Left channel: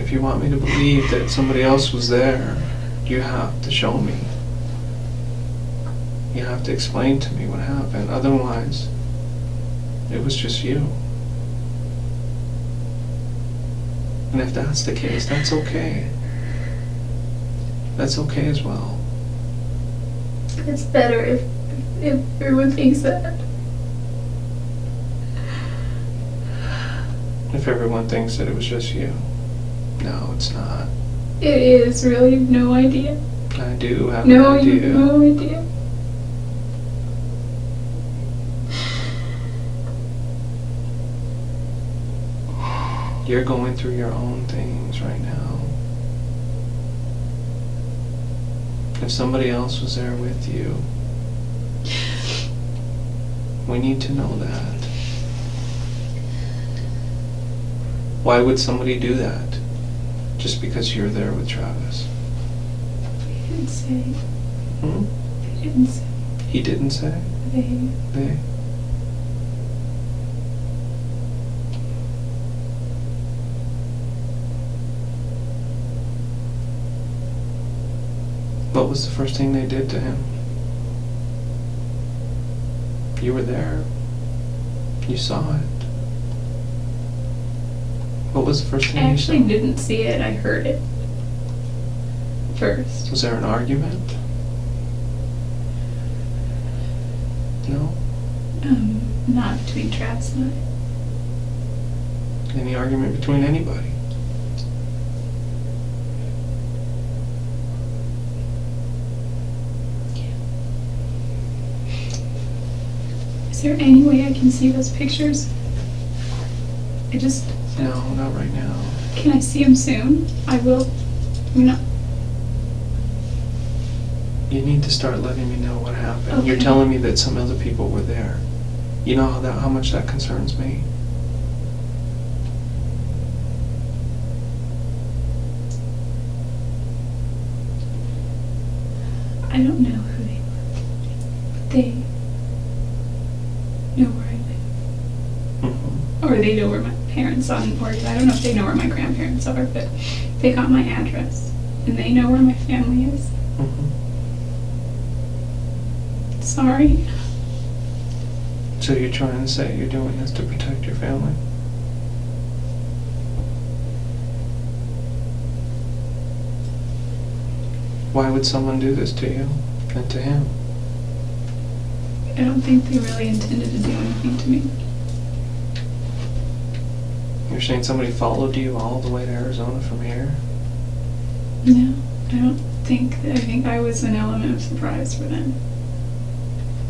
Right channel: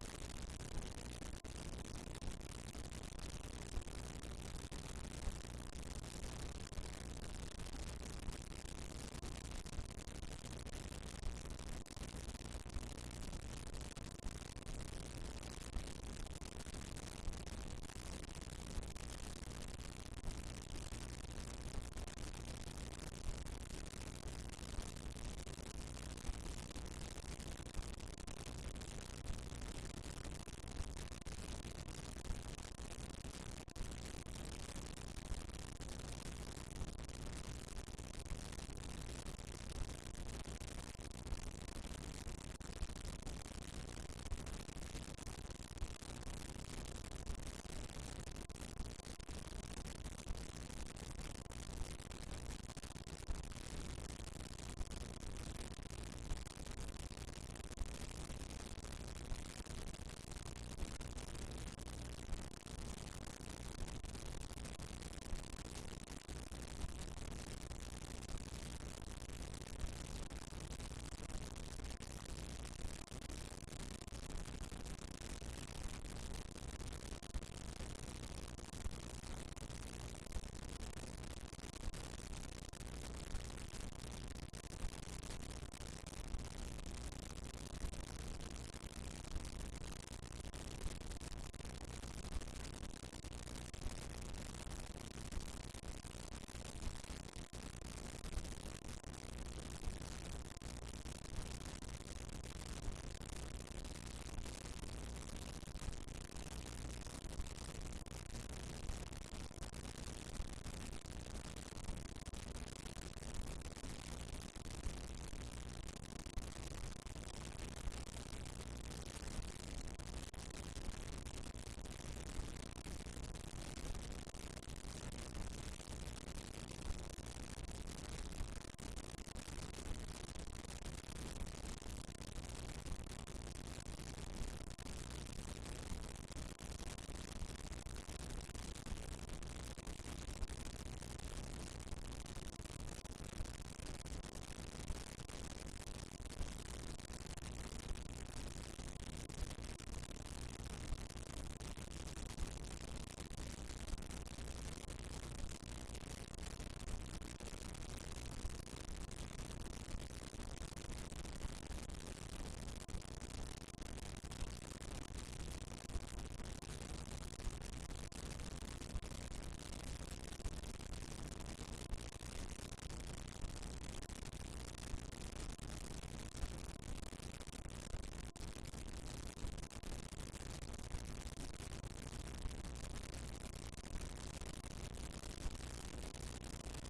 If you want me to believe that somebody else was there, you have to show me. You have to explain to me what happened. Otherwise, it was just you. And if that's the case, that's okay. That's okay as well. It's better if everyone thinks that. If everyone thinks that it was just you. No, it's not. It is, really, no idea. I do have No, an you idea. have no idea. You're going through your own things right now. If somebody else was there with you, we need to know that. Why would somebody do that? Just because you're there with Travis? They didn't say. Hmm? They didn't say. He didn't say? They? What was the first thing they did to him? You were there. You saw it. What was the first thing I you saw? actually didn't see it, I heard it first. Was there an argument? No? Not between Travis and I. Any argument between anybody? Is there any way I can see those pictures? No, not right now. Can I see them soon? I will. You need to start letting me know what happened. Okay. You're telling me that some other people were there. You know how much that concerns me? I don't know who they were. They know where I live. Mm-hmm. Or they know where my parents are, or I don't know if they know where my grandparents are, but they got my address. And they know where my family is. Mm-hmm. Sorry. So you're trying to say you're doing this to protect your family? Why would someone do this to you and to him? I don't think they really intended to do anything to me. You're saying somebody followed you all the way to Arizona from here? No, I don't think. I think I was an element of surprise for them.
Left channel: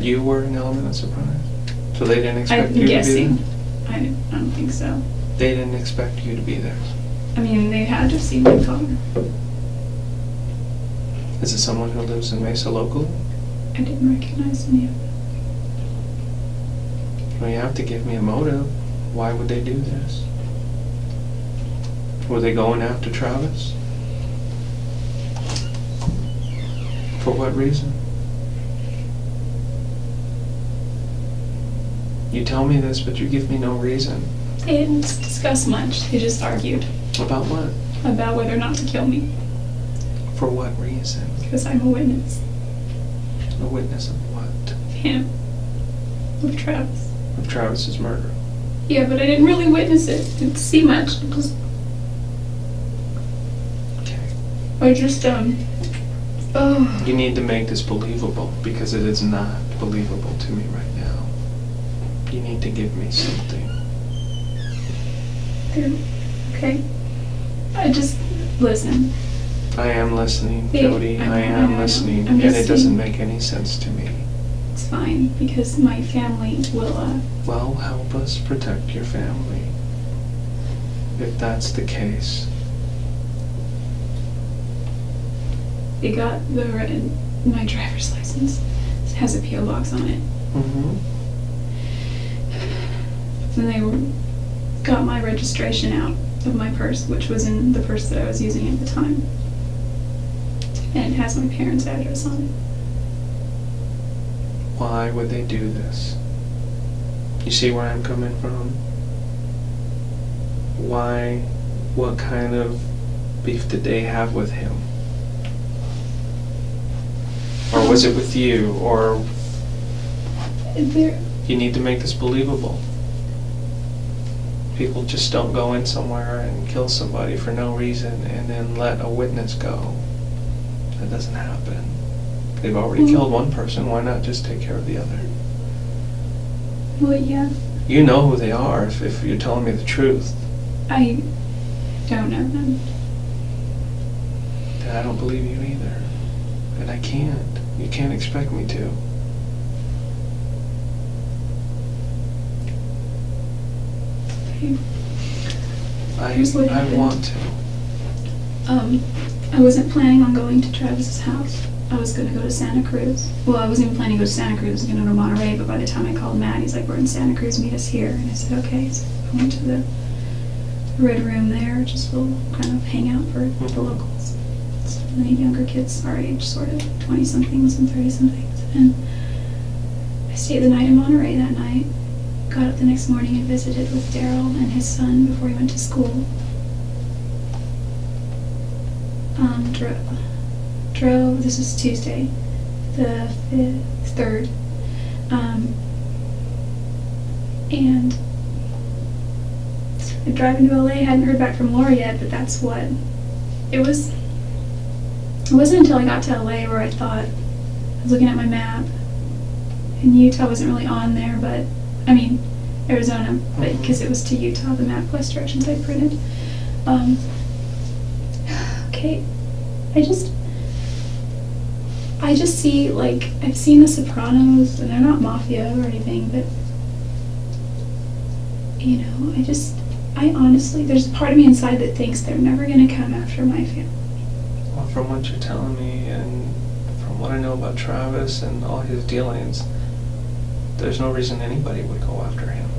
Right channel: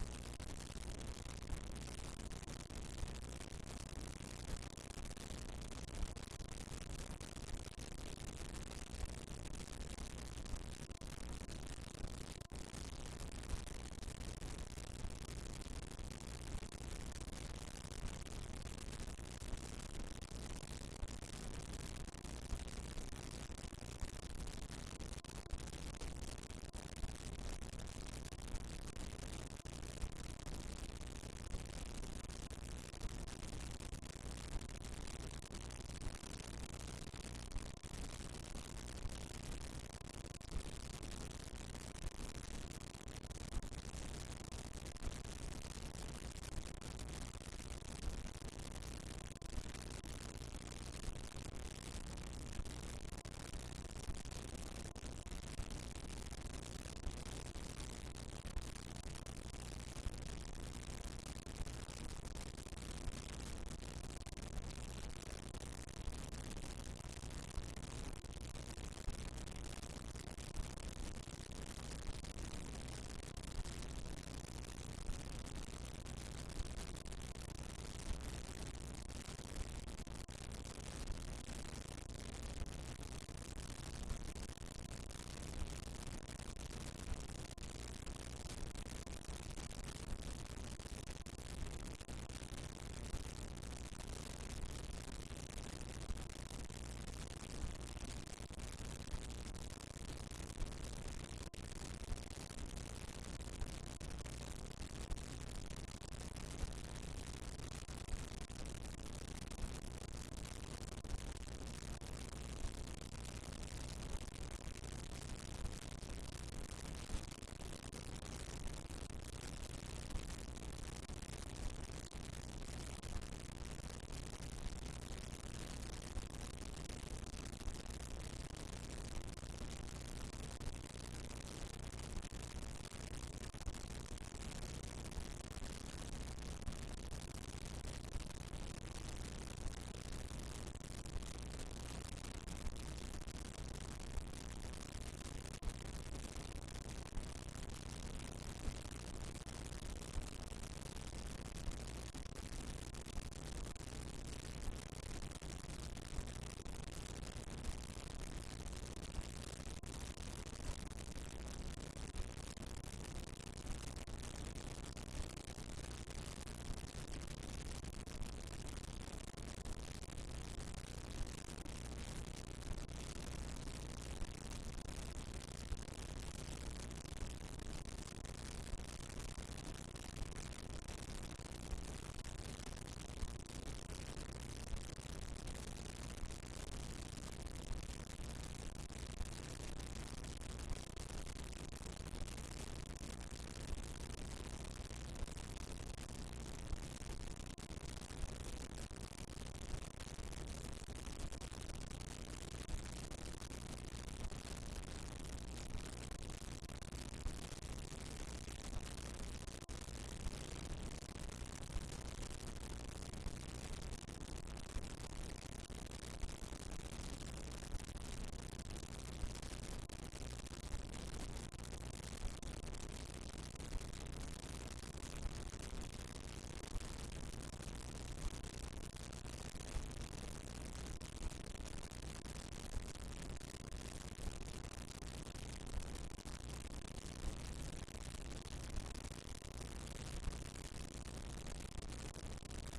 You were an element of surprise? So they didn't expect I'm you guessing. to be there? I don't think so. They didn't expect you to be there? I mean, they had to see my car. Is it someone who lives in Mesa locally? I didn't recognize any of them. Well, you have to give me a motive. Why would they do this? Were they going after Travis? For what reason? You tell me this, but you give me no reason. They didn't discuss much. They just argued About what? about whether or not to kill me. For what reason? Because I'm a witness. A witness of what? Him. Of Travis. Of Travis's murder. Yeah, but I didn't really witness it. Didn't see much. Okay. I just, oh. You need to make this believable, because it is not believable to me right now. You need to give me something. Okay. Listen. I am listening, Yeah, Jodi. I am listening, I'm and just it doesn't saying- make any sense to me. It's fine, because my family will, Well, help us protect your family, if that's the case. they got my driver's license. It has a P.O. box on it. Mm-hmm. Then they got my registration out of my purse, which was in the purse that I was using at the time. And it has my parents' address on it. Why would they do this? You see where I'm coming from? Why? What kind of beef did they have with him? Or was it with you? Or There, you need to make this believable. People just don't go in somewhere and kill somebody for no reason and then let a witness go. That doesn't happen. They've already killed one person, why not just take care of the other? well, yeah, You know who they are if you're telling me the truth. I don't know them. Then I don't believe you either. And I can't. You can't expect me to. Here's what I happened. want to. I wasn't planning on going to Travis's house. I was gonna go to Santa Cruz. Well, I wasn't even planning to go to Santa Cruz. I was gonna go to Monterey, but by the time I called Matt, he's like, we're in Santa Cruz, meet us here. And I said, okay. So I went to the Red Room there, just we'll kind of hang out for the locals. So many younger kids our age, sort of 20-somethings and 30-somethings. And I stayed the night in Monterey that night. Got up the next morning and visited with Daryl and his son before he went to school. Drove, this was Tuesday, the 3rd, and driving to LA, hadn't heard back from Laura yet, but that's what, it was. It wasn't until I got to LA where I thought, I was looking at my map, and Utah wasn't really on there, but, I mean, Arizona, but because it was to Utah, the MapQuest directions I printed. Okay, I just see, like, I've seen The Sopranos, and they're not mafia or anything, but, you know, I honestly, there's a part of me inside that thinks they're never gonna come after my family. Well, from what you're telling me and from what I know about Travis and all his dealings, there's no reason anybody would go after him.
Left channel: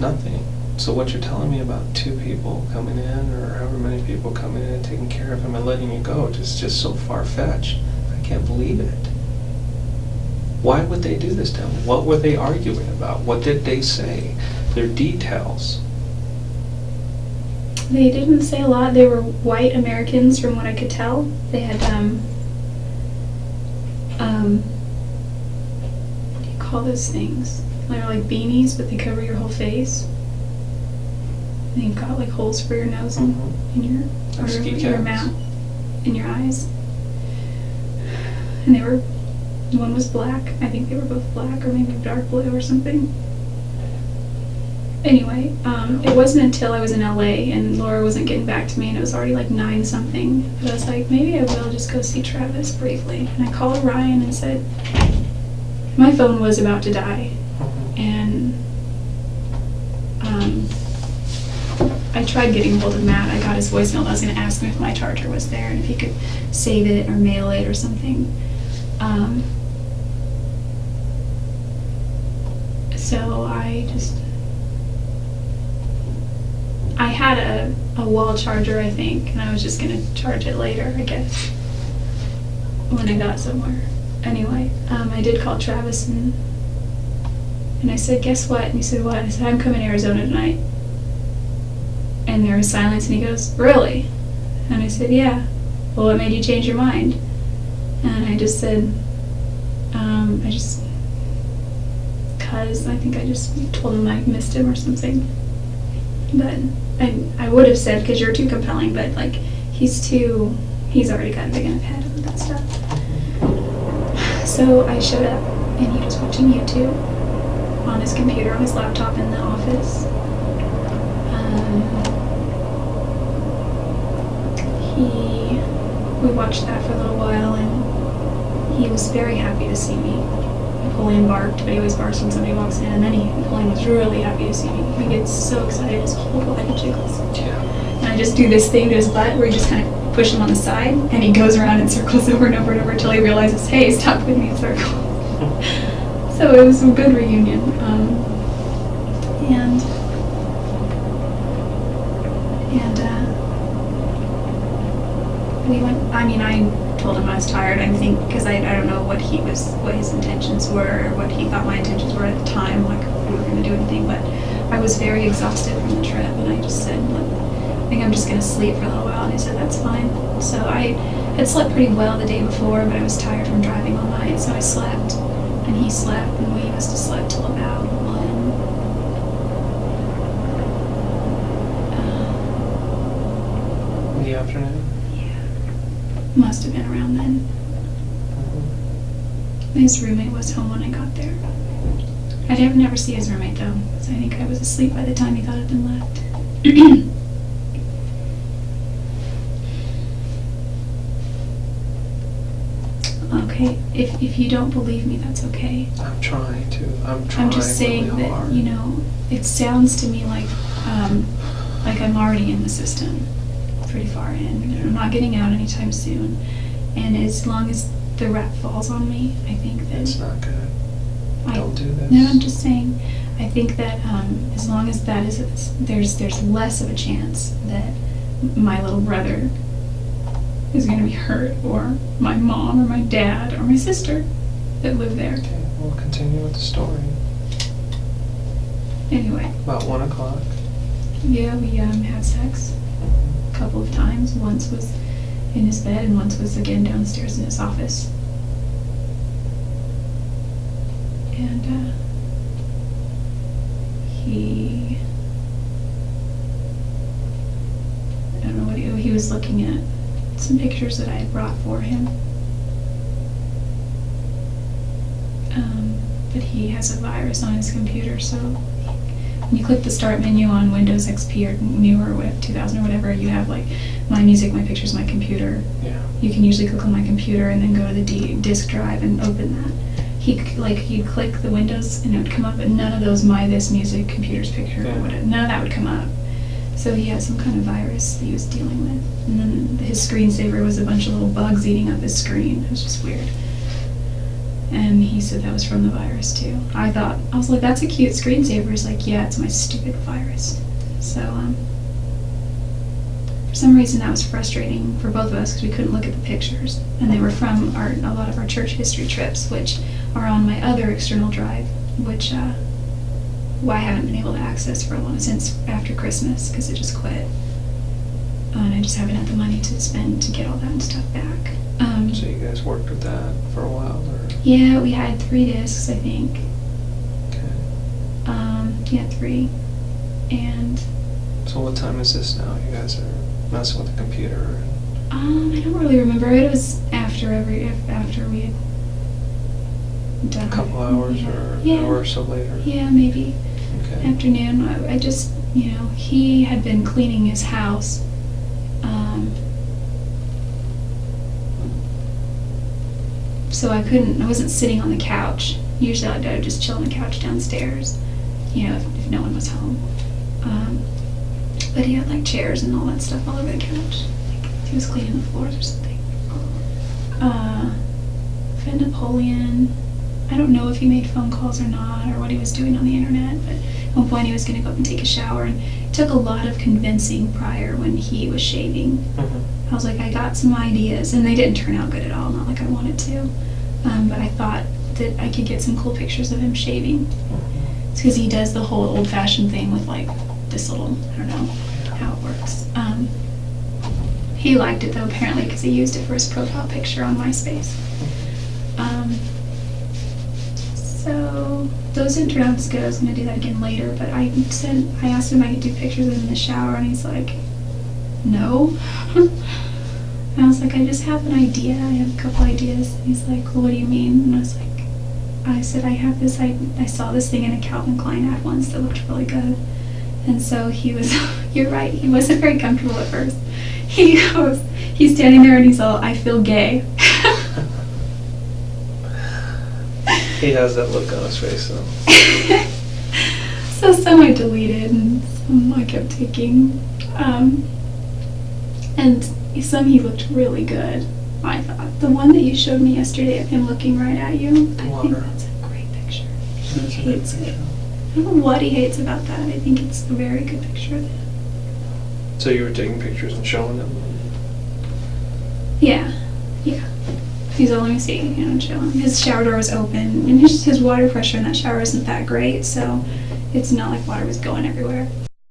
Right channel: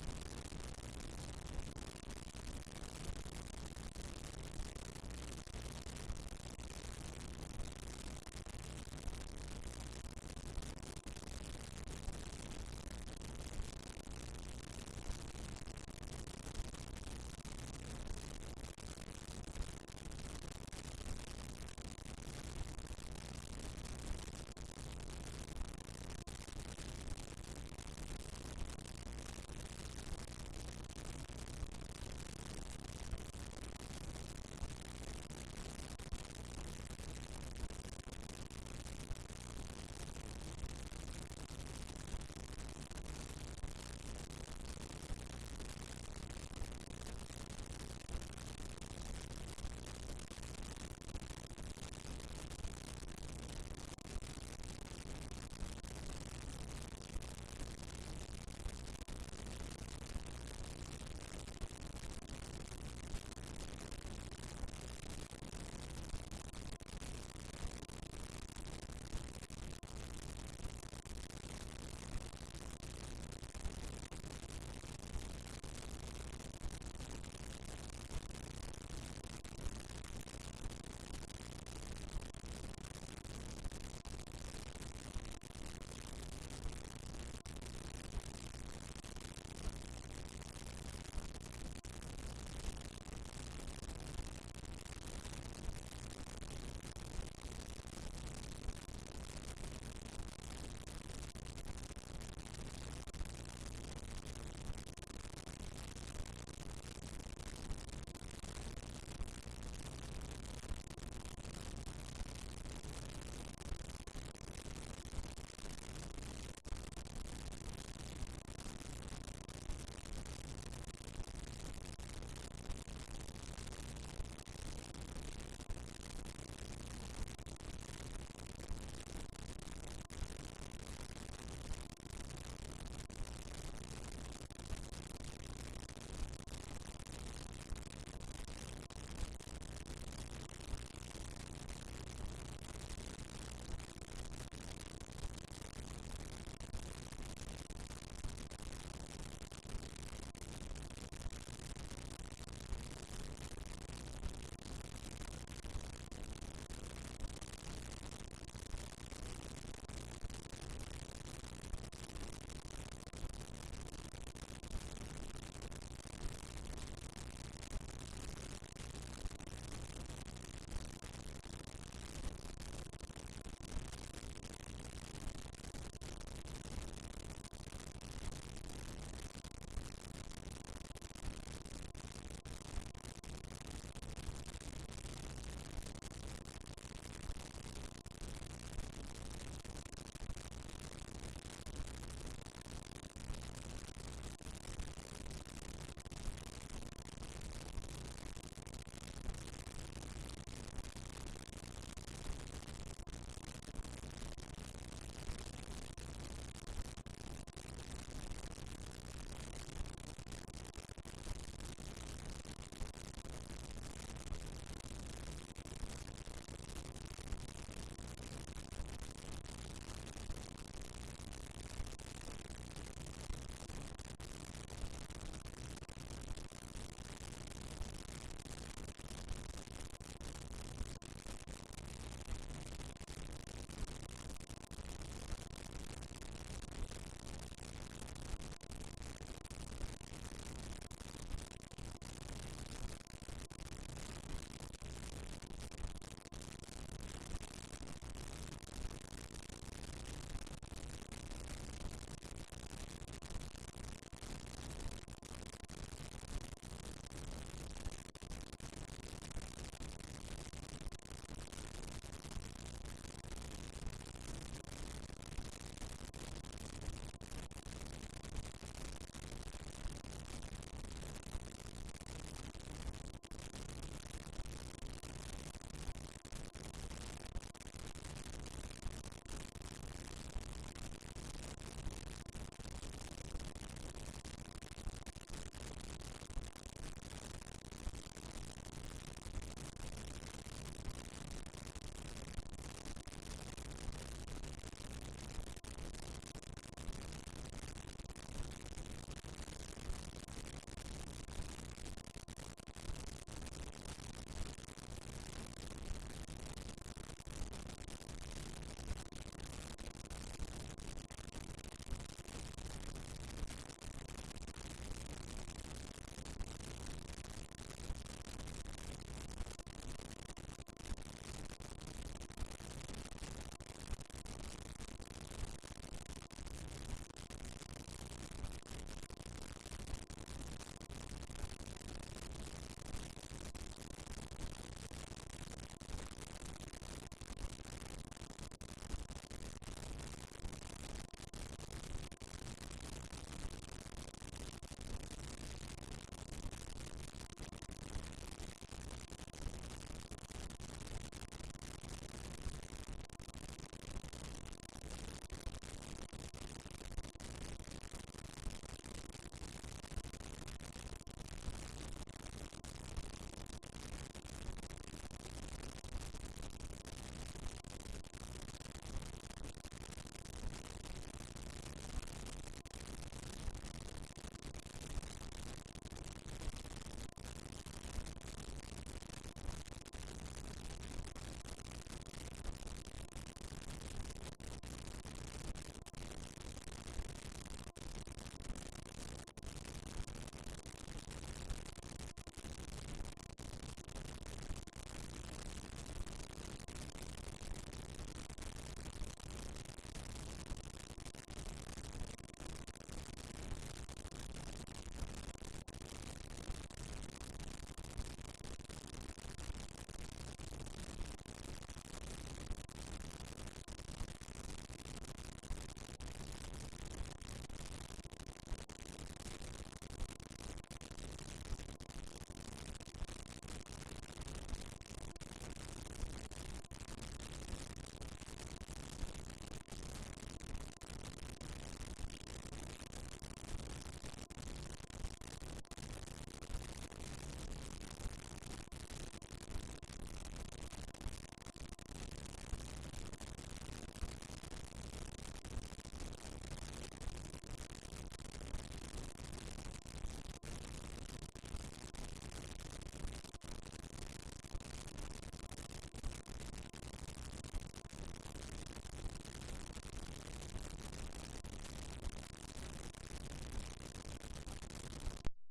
Nothing. So what you're telling me about 2 people coming in, or however many people coming in and taking care of him and letting you go, is just so far-fetched. I can't believe it. Why would they do this to him? What were they arguing about? What did they say? Their details. They didn't say a lot. They were white Americans from what I could tell. They had, what do you call those things? They're like beanies, but they cover your whole face. And you've got like holes for your nose and in Like ski your caps. mouth, in your eyes. And one was black. I think they were both black, or maybe dark blue or something. Anyway, it wasn't until I was in LA and Laura wasn't getting back to me, and it was already like 9-something, that I was like, maybe I will just go see Travis briefly. And I called Ryan and said, my phone was about to die, and I tried getting hold of Matt. I got his voicemail. I was going to ask him if my charger was there and if he could save it or mail it or something. So I had a wall charger, I think, and I was just going to charge it later, I guess, when I got somewhere. Anyway, I did call Travis and I said, guess what? And he said, what? I said, I'm coming to Arizona tonight. And there was silence, and he goes, really? And I said, yeah. Well, what made you change your mind? And I just said, cause I think I just told him I missed him or something. But I would have said, cause you're too compelling, but like, he's already got a big enough head with that stuff. So I showed up, and he was watching YouTube on his computer, on his laptop in the office. We watched that for a little while, and he was very happy to see me. Napoleon barked, but he always barks when somebody walks in, and then Napoleon was really happy to see me. He gets so excited, his whole body jiggles. Yeah. And I just do this thing to his butt where you just kind of push him on the side, and he goes around in circles over and over and over until he realizes, hey, stop putting me in circles. So it was a good reunion. We went, I told him I was tired, I think, because I don't know what his intentions were, or what he thought my intentions were at the time, like, we were going to do anything, but I was very exhausted from the trip, and I just said, look, I think I'm just going to sleep for a little while. And he said, that's fine. So I had slept pretty well the day before, but I was tired from driving all night, so I slept. And he slept, and we must have slept till about 1. In the afternoon? Yeah. Must have been around then. His roommate was home when I got there. I'd never see his roommate though, so I think I was asleep by the time he thought I'd been left. Okay, if you don't believe me, that's okay. I'm trying to. I'm trying. I'm just saying really that, hard. you know, it sounds to me like I'm already in the system, pretty far in. And I'm not getting out anytime soon. And as long as the rap falls on me, I think that It's not good. Don't do this. No, I'm just saying. I think that as long as that is, there's less of a chance that my little brother is going to be hurt, or my mom, or my dad, or my sister that live there. Okay, we'll continue with the story. Anyway. About 1 o'clock. Yeah, we had sex a couple of times. Once was in his bed, and once was again downstairs in his office. And I don't know what he was looking at some pictures that I had brought for him. But he has a virus on his computer, so when you click the start menu on Windows XP or newer, or 2000 or whatever, you have like my music, my pictures, my computer. Yeah. You can usually click on my computer and then go to the disk drive and open that. You'd click the Windows and it would come up, but none of those my this music, computers, picture, Yeah. or whatever, none of that would come up. So he had some kind of virus that he was dealing with. And then his screensaver was a bunch of little bugs eating up his screen. It was just weird. And he said that was from the virus too. I was like, that's a cute screensaver. He's like, yeah, it's my stupid virus. So, for some reason that was frustrating for both of us because we couldn't look at the pictures. And they were from a lot of our church history trips, which are on my other external drive, which I haven't been able to access for a long since after Christmas because it just quit. And I just haven't had the money to spend to get all that stuff back. So you guys worked with that for a while, or? Yeah, we had 3 discs, I think. Okay. Yeah, 3. And So what time is this now? You guys are messing with the computer. I don't really remember. It was after we had done A couple hours, or yeah. an hour or so later? Yeah, maybe. Okay. Afternoon. I just, he had been cleaning his house. So I wasn't sitting on the couch. Usually I would just chill on the couch downstairs, if no one was home. But he had like chairs and all that stuff all over the couch. He was cleaning the floors or something. Fred Napoleon. I don't know if he made phone calls or not, or what he was doing on the internet, but at one point he was going to go up and take a shower, and it took a lot of convincing prior when he was shaving. Mm-hmm. I was like, I got some ideas, and they didn't turn out good at all, not like I wanted to. But I thought that I could get some cool pictures of him shaving. It's because he does the whole old-fashioned thing with like this little, I don't know how it works. He liked it though, apparently, because he used it for his profile picture on MySpace. So those didn't turn out as good. I was going to do that again later, but I asked him if I could do pictures of him in the shower, and he's like, no. And I was like, I just have an idea. I have a couple ideas. And he's like, well, what do you mean? And I said, I have this, I saw this thing in a Calvin Klein ad once that looked really good. And so he was, you're right, he wasn't very comfortable at first. He's standing there and he's all, I feel gay. He has that look on his face, though. So some I deleted and some I kept taking. And some he looked really good, I thought. The one that you showed me yesterday of him looking right at you, I think that's a great picture. He hates it. I don't know what he hates about that. I think it's a very good picture of him. So you were taking pictures and showing them? Yeah. He's all, let me see, chilling. His shower door was open, and his water pressure in that shower isn't that great, so it's not like water was going everywhere.